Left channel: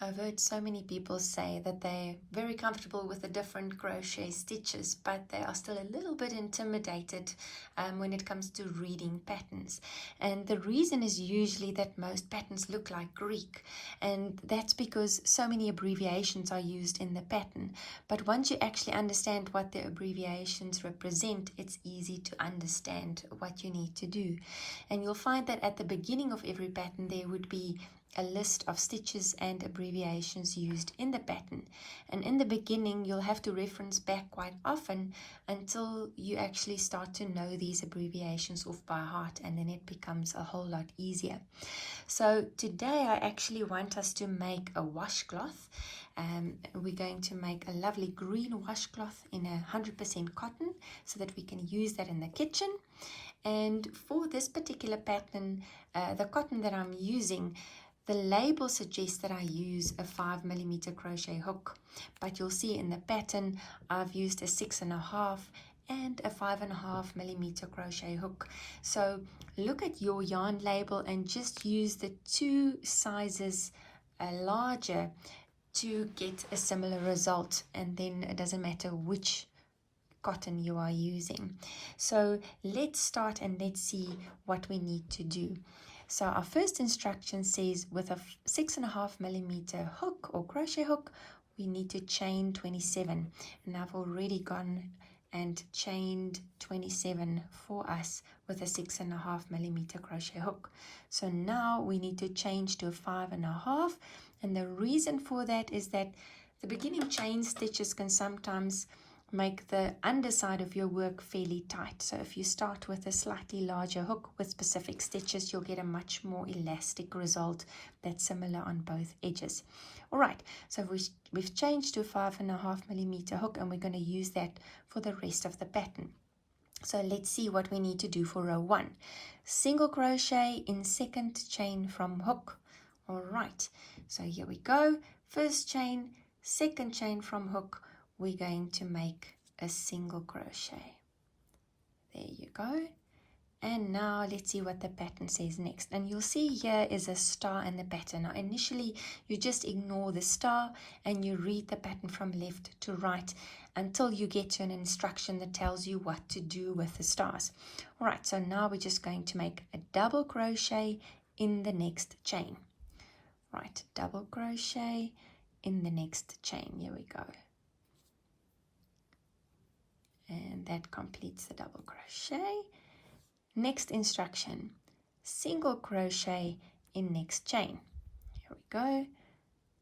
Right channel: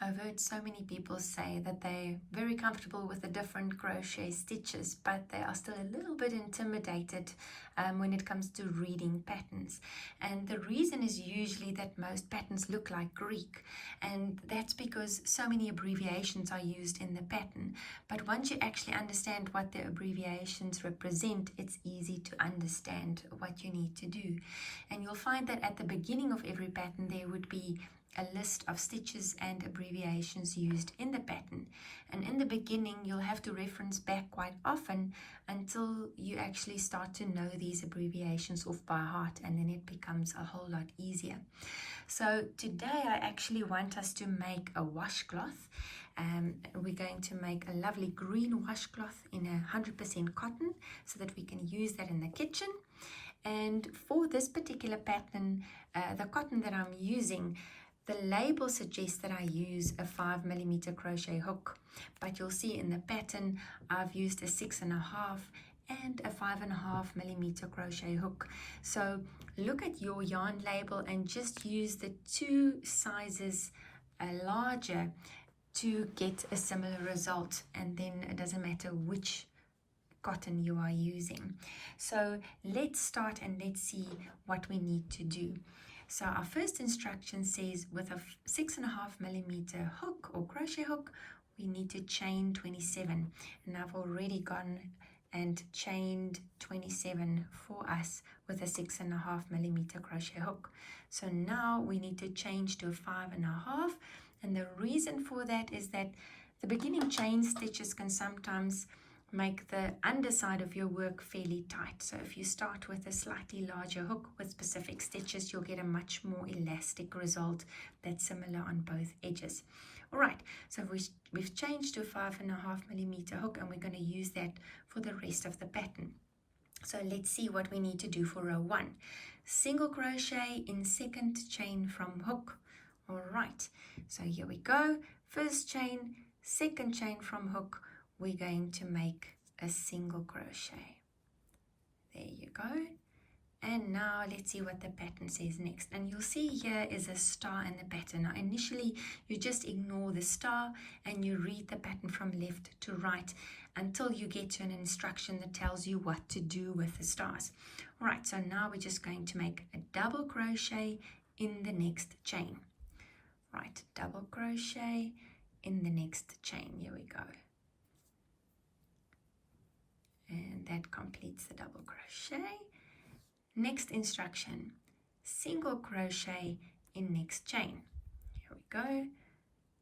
I've heard so many people say that they're very comfortable with the different crochet stitches, but they are still a little bit intimidated when it comes to reading patterns. And the reason is usually that most patterns look like Greek, and that's because so many abbreviations are used in the pattern. But once you actually understand what the abbreviations represent, it's easy to understand what you need to do. And you'll find that at the beginning of every pattern there would be a list of stitches and abbreviations used in the pattern, and in the beginning you'll have to reference back quite often until you actually start to know these abbreviations off by heart, and then it becomes a whole lot easier. So today I actually want us to make a washcloth. We're going to make a lovely green washcloth in 100% cotton so that we can use that in the kitchen. And for this particular pattern, the cotton that I'm using, the label suggests that I use a 5mm crochet hook, but you'll see in the pattern I've used a 6.5 and a 5.5mm crochet hook. So look at your yarn label and just use the two sizes larger to get a similar result, and then it doesn't matter which cotton you are using. So let's start and let's see what we need to do. So our first instruction says with a 6.5mm hook or crochet hook, we need to chain 27. And I've already gone and chained 27 for us with a 6.5mm crochet hook. So now we need to change to a 5.5. And the reason for that is that the beginning chain stitches can sometimes make the underside of your work fairly tight. So if you start with a slightly larger hook with specific stitches, you'll get a much more elastic result that's similar on both edges. All right, so we've changed to 5.5mm hook, and we're going to use that for the rest of the pattern. So let's see what we need to do for row 1. Single crochet in second chain from hook. All right, so here we go. First chain, second chain from hook, we're going to make a single crochet. There you go. And now let's see what the pattern says next. And you'll see here is a star in the pattern. Now initially you just ignore the star and you read the pattern from left to right until you get to an instruction that tells you what to do with the stars. All right, so now we're just going to make a double crochet in the next chain. Right, double crochet in the next chain. Here we go. And that completes the double crochet. Next instruction, single crochet in next chain. Here we go.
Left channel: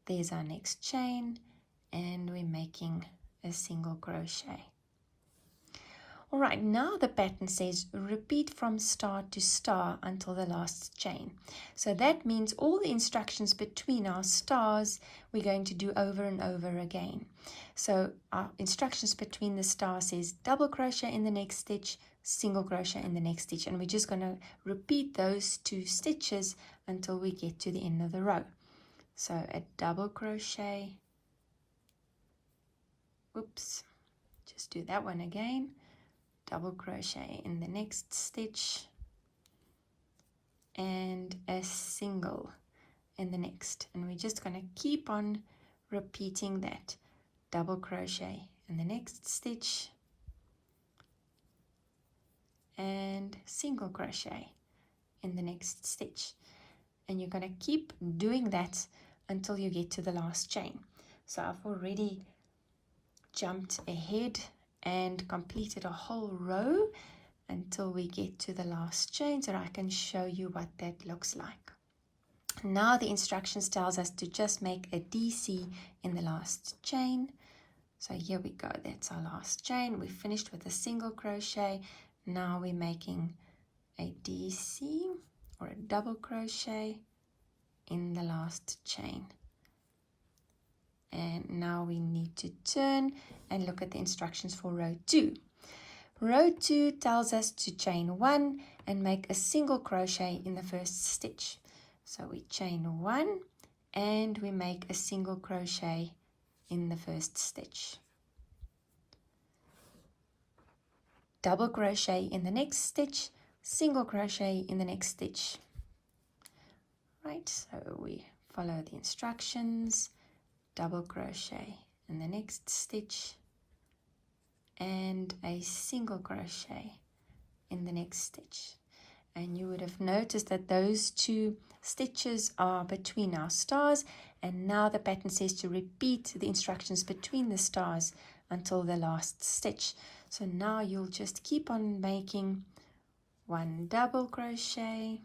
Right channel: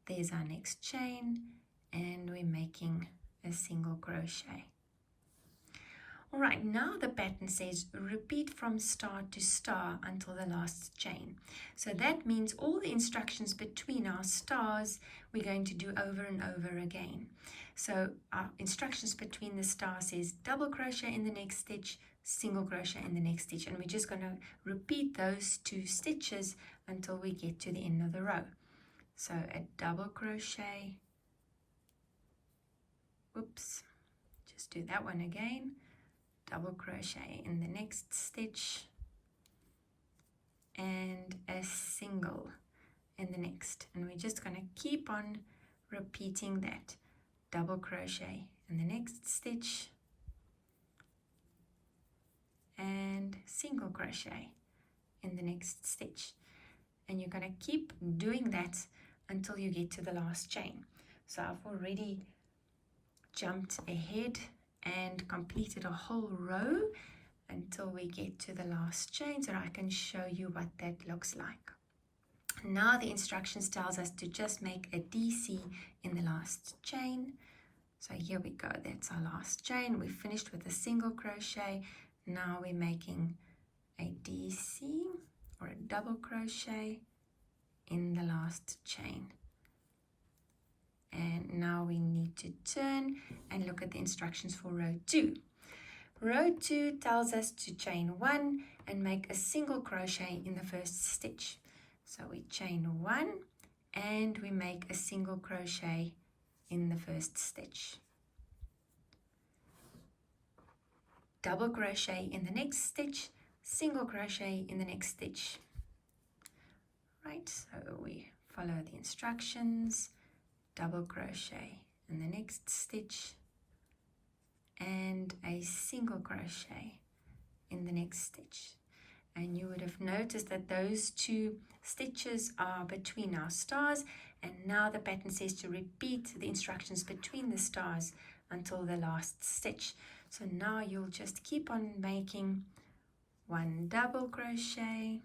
There's our next chain, and we're making a single crochet. All right, now the pattern says repeat from star to star until the last chain. So that means all the instructions between our stars we're going to do over and over again. So our instructions between the stars says double crochet in the next stitch, single crochet in the next stitch, and we're just going to repeat those 2 stitches until we get to the end of the row. So a double crochet, oops, just do that one again, double crochet in the next stitch, and a single in the next, and we're just going to keep on repeating that. Double crochet in the next stitch, and single crochet in the next stitch, and you're going to keep doing that until you get to the last chain. So I've already jumped ahead and completed a whole row until we get to the last chain, so I can show you what that looks like. Now the instructions tells us to just make a DC in the last chain. So here we go, that's our last chain. We finished with a single crochet. Now we're making a DC or a double crochet in the last chain. And now we need to turn and look at the instructions for row 2. Row 2 tells us to chain 1 and make a single crochet in the first stitch. So we chain 1 and we make a single crochet in the first stitch. Double crochet in the next stitch, single crochet in the next stitch. Right, so we follow the instructions, double crochet in the next stitch, and a single crochet in the next stitch. And you would have noticed that those two stitches are between our stars, and now the pattern says to repeat the instructions between the stars until the last stitch. So now you'll just keep on making one double crochet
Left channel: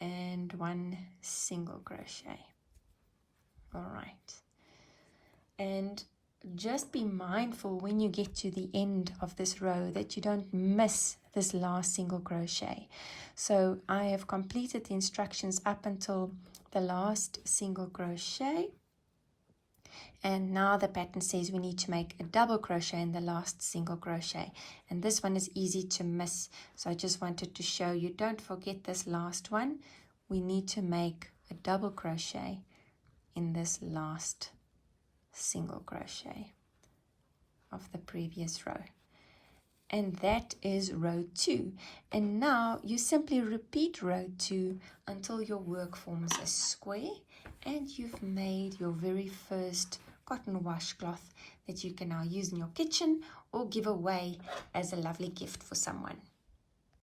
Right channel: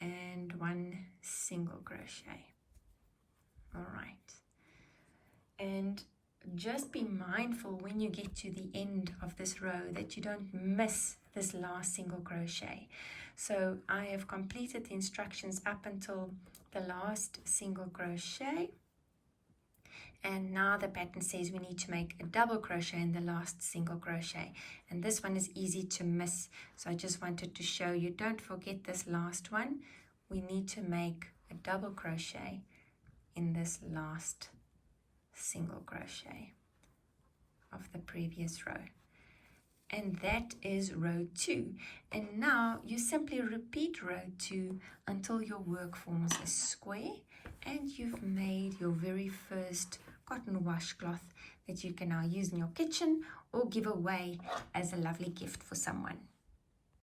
and one single crochet. All right, and just be mindful when you get to the end of this row that you don't miss this last single crochet. So I have completed the instructions up until the last single crochet, and now the pattern says we need to make a double crochet in the last single crochet, and this one is easy to miss, so I just wanted to show you, don't forget this last one. We need to make a double crochet in this last single crochet of the previous row, and that is row 2. And now you simply repeat row 2 until your work forms a square and you've made your very first cotton washcloth that you can now use in your kitchen or give away as a lovely gift for someone.